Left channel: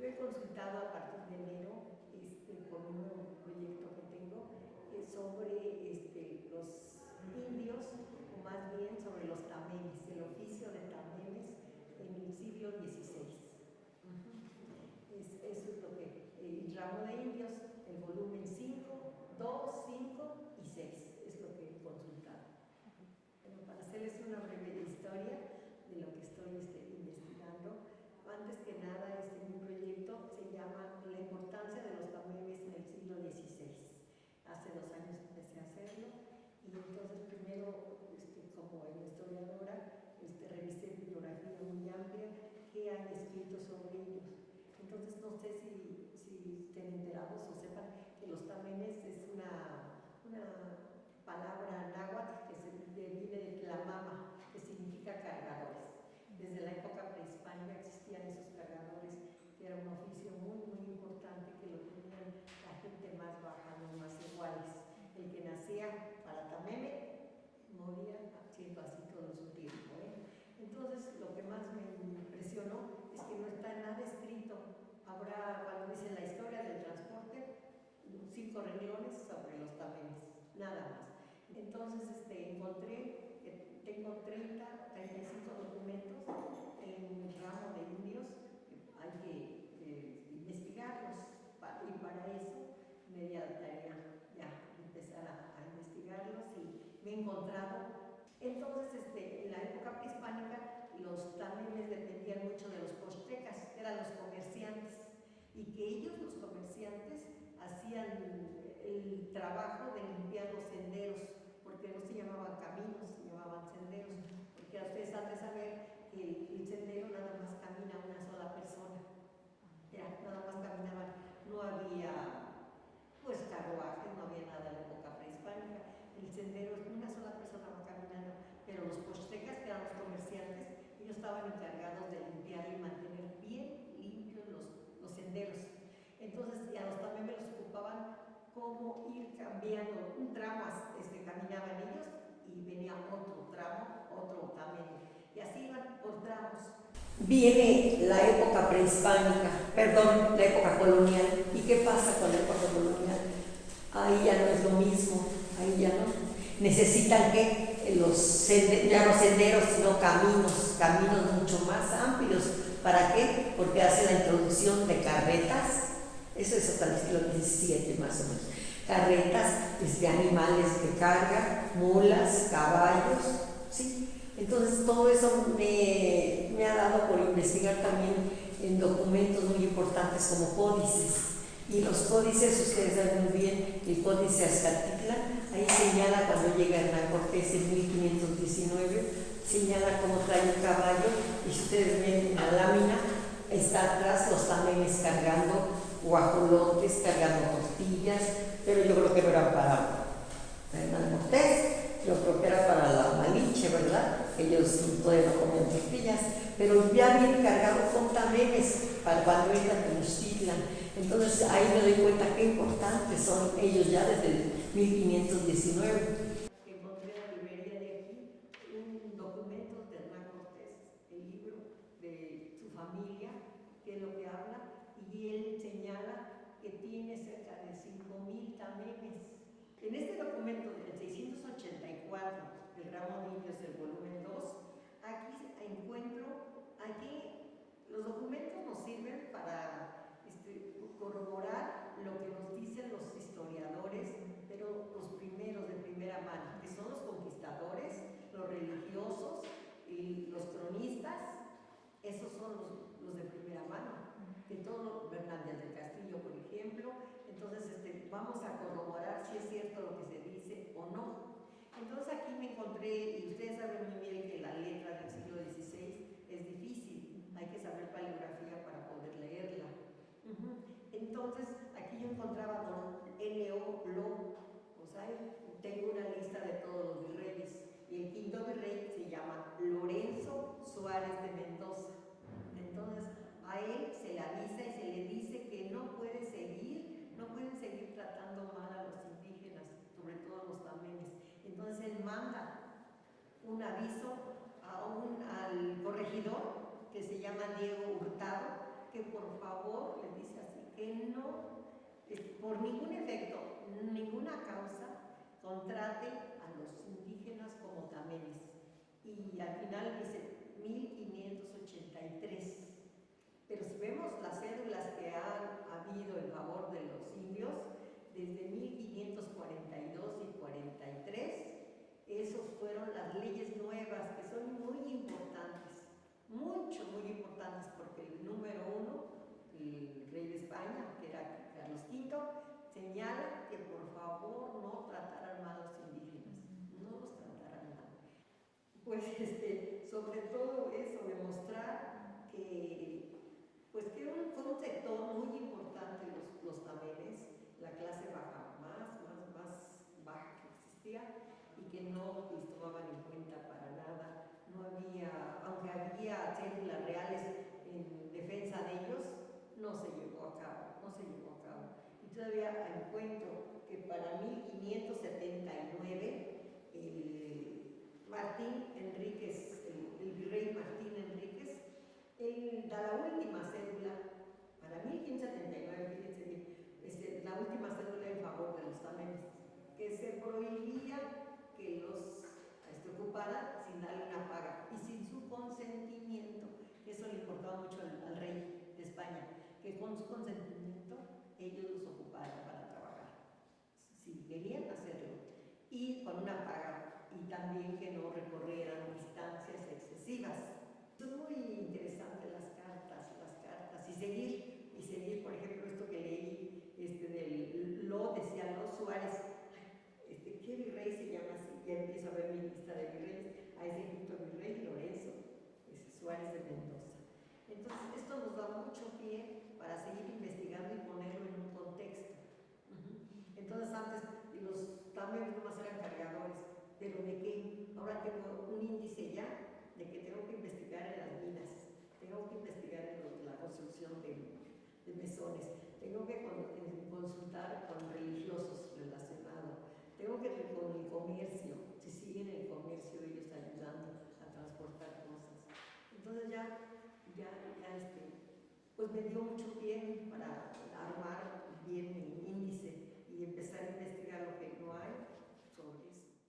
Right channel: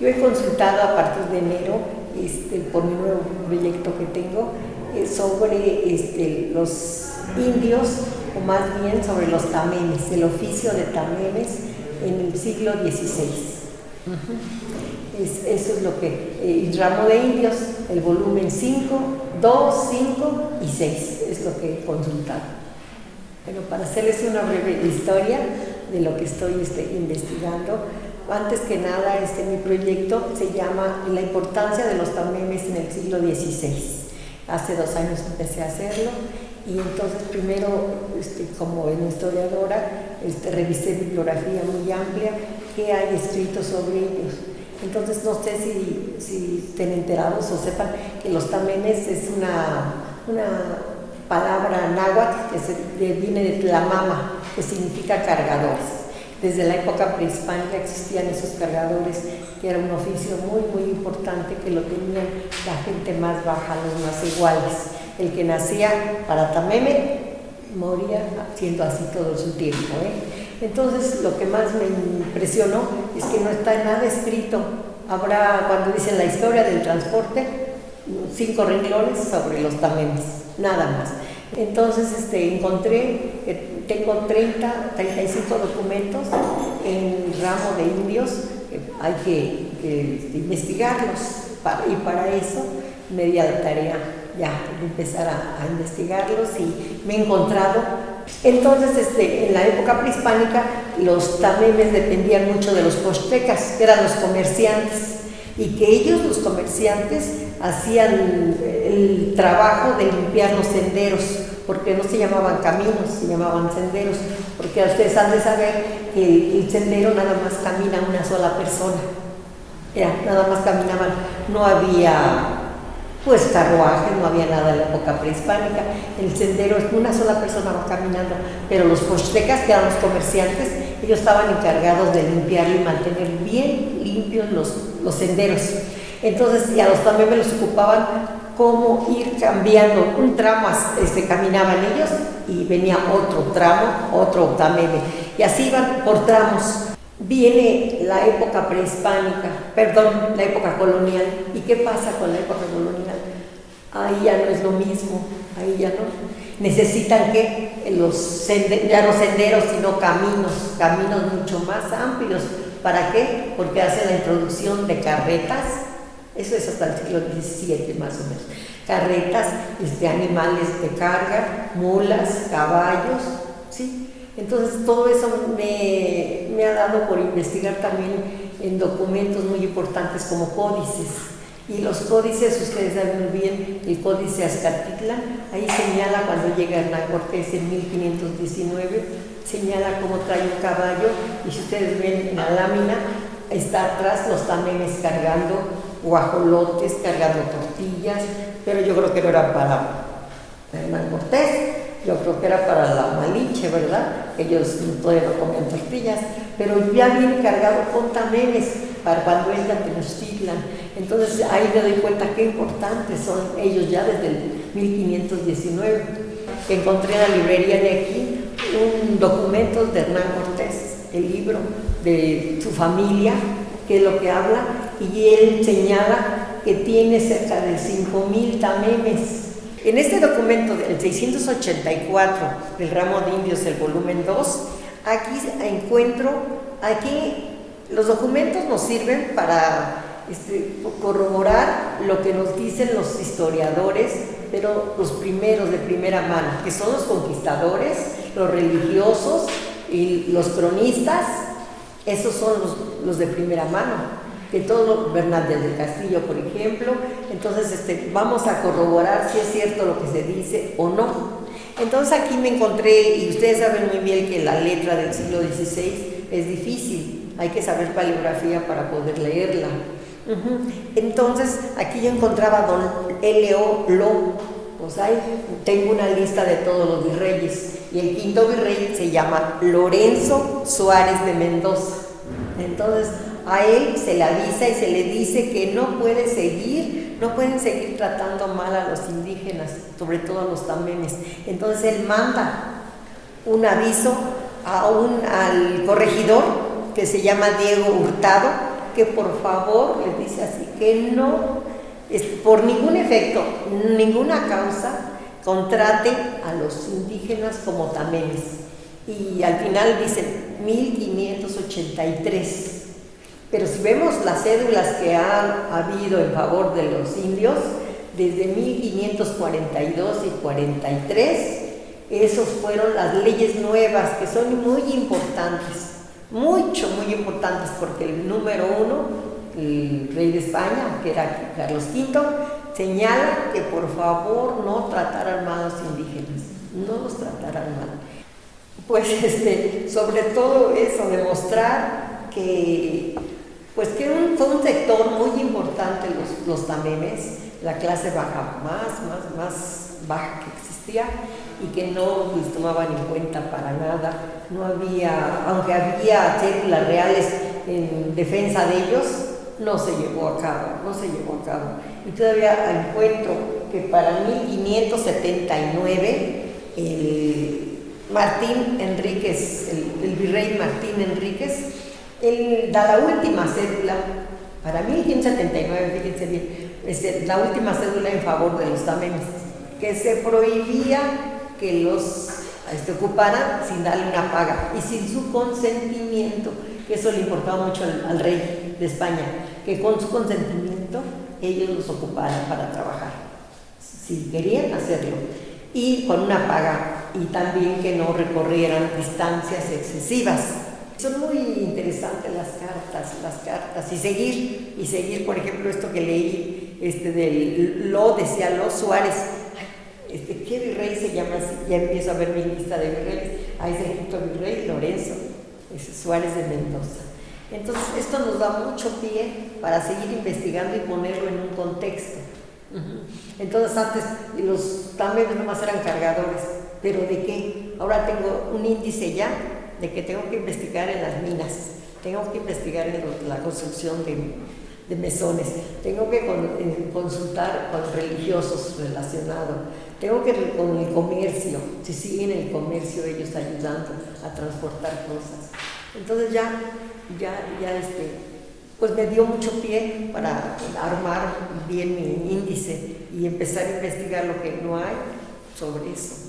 Yo he consultado a partir de enero por mi nuevo proyecto que tengo sobre los indios, o más bien sobre los tamemes, el oficio de tamemes en el siglo XVI. Eso es lo que, el ramo de indios, el volumen 5, 2, 5 y 6, es lo que he consultado. Pero para hacerles una breve historia de lo que estoy investigando, antes que nada, mi proyecto se llama La importancia de los tamemes en el siglo XVI. Hace 2 años empecé a hacerlo y entonces primero, como historiadora, revisé bibliografía muy amplia que hay escrito sobre ellos. Entonces no sé si estén enterados o sepan que los tamemes es una palabra náhuatl que viene de tlamama, que significa cargadores. Desde la época prehispánica existían esos cargadores, que era un oficio muy, muy importante, que lo tenían la gente más baja, los más iguales. El que nacía para tameme moría siendo así todo su tiempo. Entonces, lo que más me impresionó es que no está nada escrito. Habrá, cuando dicen la historia del transporte, 5 renglones sobre los tamemes, nada más. Entonces encontré que tengo 35 documentos en el ramo de indios, hay que investigarlos, y para eso me di a la tarea ya de empezar a investigarlos y me he encontrado. Entonces, en la época prehispánica, los tamemes dependían mucho de los pochtecas, que eran los comerciantes, y que ellos, los comerciantes, hacían el trabajo de limpiar los senderos, porque no se llamaban caminos, se llamaban senderos, porque ustedes han de saber que el sendero nada más camina una sola persona, nada más caminaban, no había carruajes, no había nada en la época prehispánica, el sendero es una sola persona va caminando, pero los pochtecas, que eran los comerciantes, ellos estaban encargados de limpiarlo y mantener bien limpios los senderos. Entonces, y a los tamemes los ocupaban cómo ir cambiando, un tramo caminaban ellos y venía otro tramo, otro tameme, y así iban por tramos. Viene la época prehispánica, la época colonial. ¿Y qué pasa con la época colonial? Ahí ya no es lo mismo, ahí ya no. Necesitan que ya no senderos, sino caminos mucho más amplios. ¿Para qué? Porque hacen la introducción de carretas, eso es hasta el siglo XVII más o menos. Carretas, animales de carga, mulas, caballos, ¿sí? Entonces todo eso me ha dado por investigar también en documentos muy importantes como códices. Y los códices, ustedes saben muy bien, el códice Azcatitlán, ahí señala cuando llega Hernán Cortés en 1519, señala cómo trae un caballo, y si ustedes ven en la lámina, está atrás los tamemes cargando guajolotes, cargando tortillas, pero yo creo que no era para Hernán Cortés, yo creo que era para la Malinche, ¿verdad? Ellos todavía no comían tortillas, pero ya viene cargado con tamemes para cuando entran en Tenochtitlan. Entonces ahí me doy cuenta qué importantes son ellos ya desde el 1519. Encontré en la librería de aquí un documento de Hernán Cortés, el libro de su familia, que es lo que habla, y él señala que tiene cerca de 5,000 tamemes. En este documento del 684 del ramo de indios, el volumen 2, aquí los documentos nos sirven para corroborar lo que nos dicen los historiadores, pero los primeros de primera mano, que son los conquistadores, los religiosos y los cronistas. Esos son los de primera mano, que todo Bernal del Castillo, por ejemplo. Entonces vamos a corroborar si es cierto lo que se dice o no. Entonces aquí me encontré, y ustedes saben muy bien que la letra del siglo XVI es difícil, hay que saber paleografía para poder leerla. Entonces aquí yo encontraba don L.O. Lo, pues ahí tengo una lista de todos los virreyes, y el quinto virrey se llama Lorenzo Suárez de Mendoza. Entonces a él se le avisa y se le dice que no pueden seguir tratando mal a los indígenas, sobre todo a los tamemes. Entonces él manda un aviso al corregidor, que se llama Diego Hurtado, que por favor, les dice así, que no, por ningún efecto, ninguna causa, contrate a los indígenas como tamemes. Y al final dicen 1583. Pero si vemos las cédulas que han habido en favor de los indios, desde 1542 y 43, esos fueron las leyes nuevas, que son muy importantes, muy importantes, porque el número uno, el rey de España, que era Carlos V, señala que por favor no trataran mal a los indígenas, no los trataran mal. Pues sobre todo eso, demostrar que pues que fue un sector muy importante los tamemes, la clase baja más baja que existía, y que no les tomaban en cuenta para nada. No había, aunque había cédulas reales en defensa de ellos, no se llevó a cabo. Y todavía encuentro que para 1579 el Martín Enríquez, el virrey Martín Enríquez, él da la última cédula, para 1579, fíjense bien, la última cédula en favor de los tamemes, que se prohibía que los ocuparan sin darle una paga y sin su consentimiento, que eso le importaba mucho al rey de España, que con su consentimiento ellos los ocuparan para trabajar, si querían hacerlo, y con una paga, y también que no recorrieran distancias excesivas. Son muy interesantes las cartas, y seguir, por ejemplo, esto que leí, decía Lo Suárez, ¿qué virrey se llama así? Ya empiezo a ver mi lista de virreyes. Ahí es el quinto virrey, Lorenzo Suárez de Mendoza. Entonces, esto nos da mucho pie para seguir investigando y ponerlo en un contexto. Entonces, antes los tamemes nomás eran cargadores, ¿pero de qué? Ahora tengo un índice ya de que tengo que investigar en las minas, tengo que investigar en la construcción de mesones, tengo que consultar con religiosos relacionados, tengo que con el comercio, si siguen el comercio ellos ayudando a transportar cosas. Entonces pues me dio mucho pie para armar bien mi índice y empezar a investigar lo que no hay sobre eso.